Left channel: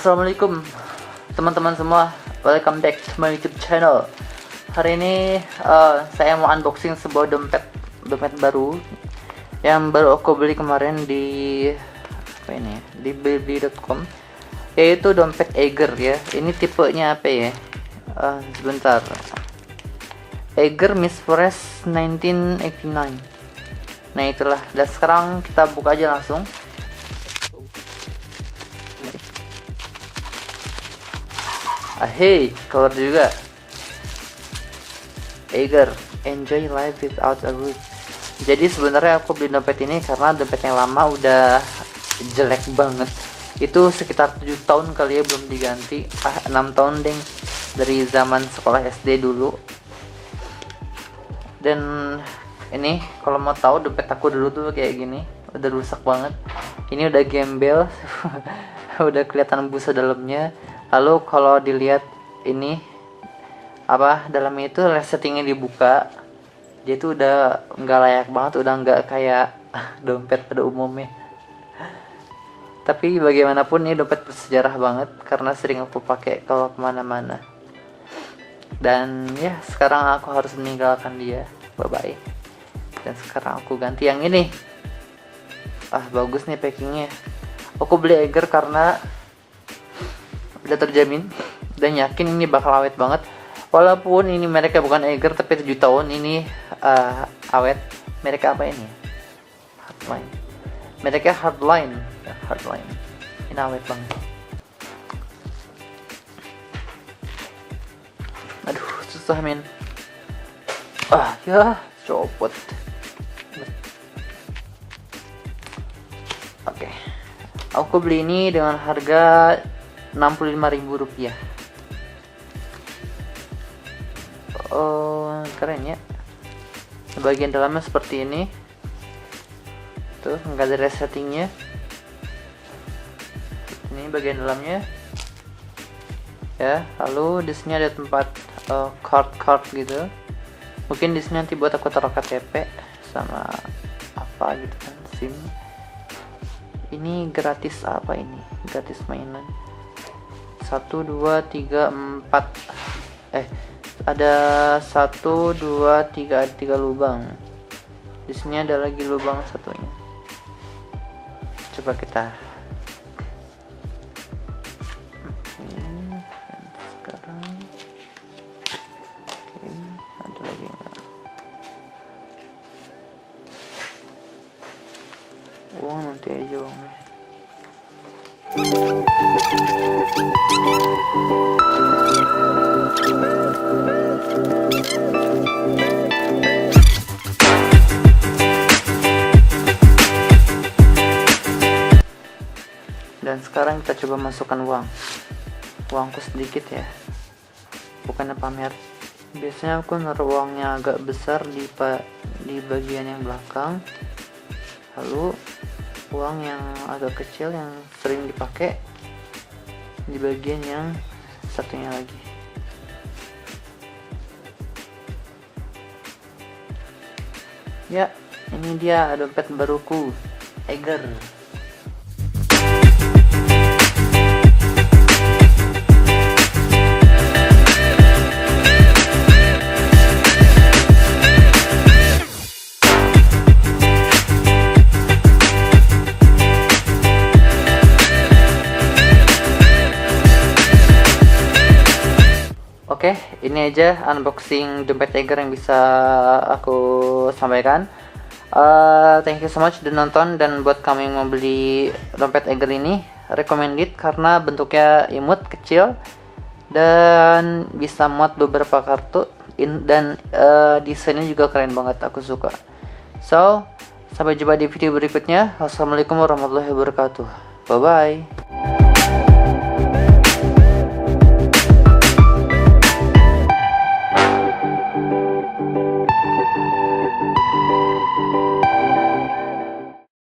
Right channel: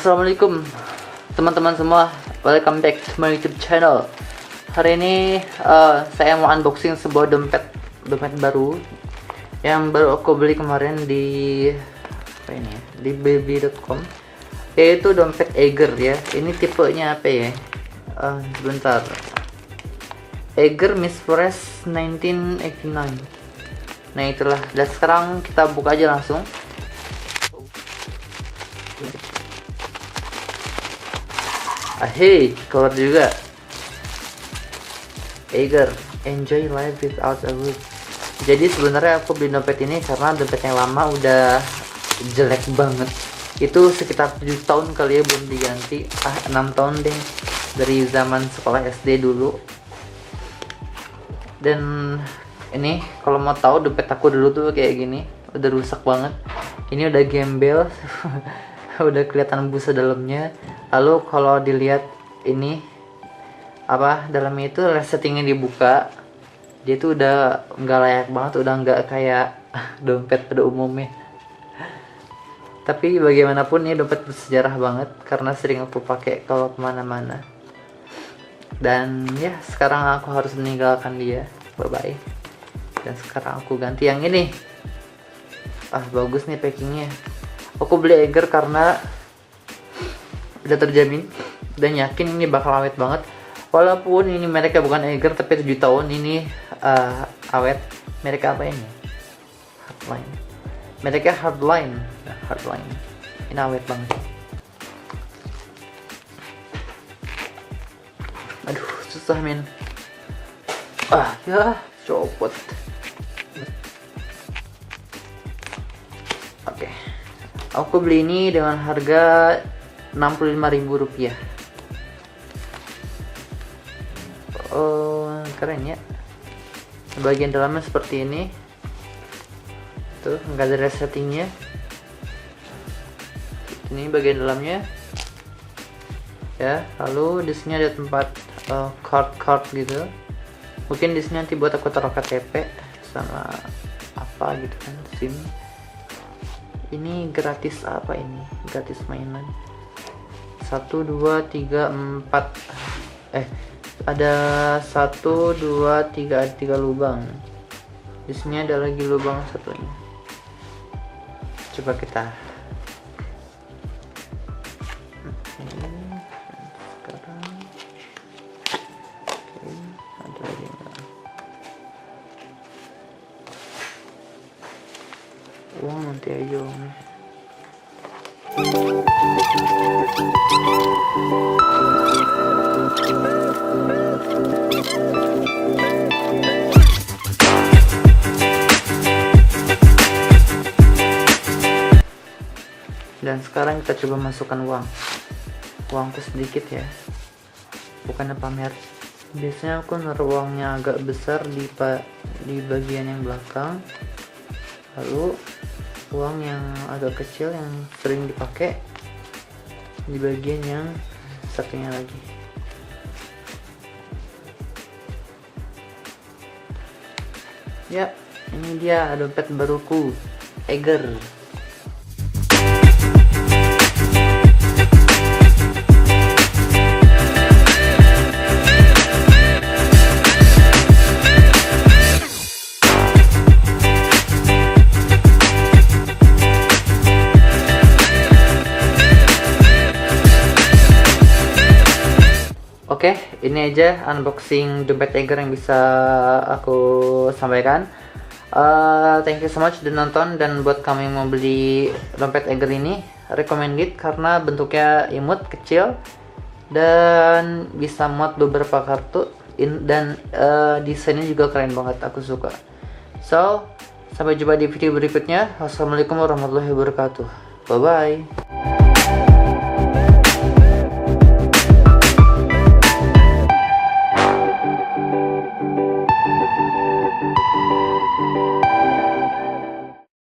Assalamualaikum teman-teman semua, welcome back to my YouTube channel. Hari ini saya mau unboxing sebuah dompet baru yang baru aku beli kemarin di baby.com, yaitu dompet Eiger ya. Ini tipenya apa ya? Sebentar. Eiger Miss Forest 1989. Nah itulah. Dan sekarang kita buka aja langsung. Hey, keluar juga. Eiger, enjoy life without a roof. Jadi sebenarnya aku beli dompet ini karena dompetnya lama, udah jelek banget. Itu sekitar 7 tahun kali ya belum diganti. 6 tahun deh, dari zaman sekolah SD dulu. Dan ini kalau mau tahu dompet aku dulu tuh kayak gini, udah rusak banget. Ini udah gembel. Udah kelihatan busa dalamnya. Lalu kalau dilihat ini dalamnya itu settingnya dibuka, dia tuh udah nggak layak banget, udah nggak kayak dompet pada umumnya. Tapi bagaimanapun ini dompet bersejarah banget karena sering aku pakai kalau kemana-mana. Dan ya sekarang aku harus meninggalkan dia, bye bye. Dan sekarang aku ganti yang ini. Bagus nih packingnya. Aku beli Eiger karena udah terjamin dan yakin ini bakal awet banget. Walaupun ini mereka bukan Eiger tapi 7 tahun ini awet. Mereka apa ini? Hardline. Mereka Hardline. Ini awet banget. Aduh, susah men. Ya, copot. Oke. Aku beli ini dengan harga Rp65.000. Keren ya. Bagian dalamnya seperti ini. Tuh, nggak ada resettingnya. Ini bagian dalamnya. Ya, lalu di sini ada tempat card gitu. Mungkin di sini nanti buat aku taruh KTP sama apa gitu kan. SIM. Ini gratis apa ini? Gratis mainan. 1, 2, 3, 4. Ada 1, 2, 3, ada 3 lubang. Di sini ada lagi lubang satunya. Coba kita. Sekarang. Ada lagi enggak? Nanti aja uangnya. Dan sekarang kita coba masukkan uangku sedikit ya, bukannya pamer. Biasanya aku naruh uangnya agak besar di bagian yang belakang, lalu uang yang agak kecil yang sering dipakai di bagian yang satunya lagi. Ya, ini dia dompet baruku, Eiger. Oke, ini aja unboxing dompet Eiger yang bisa aku sampaikan. Thank you so much udah nonton, dan buat kamu yang mau beli dompet Eiger ini, recommended karena bentuknya imut, kecil, dan bisa muat beberapa kartu, dan desainnya juga keren banget, aku suka. So, sampai jumpa di video berikutnya. Wassalamualaikum warahmatullahi wabarakatuh. Bye bye.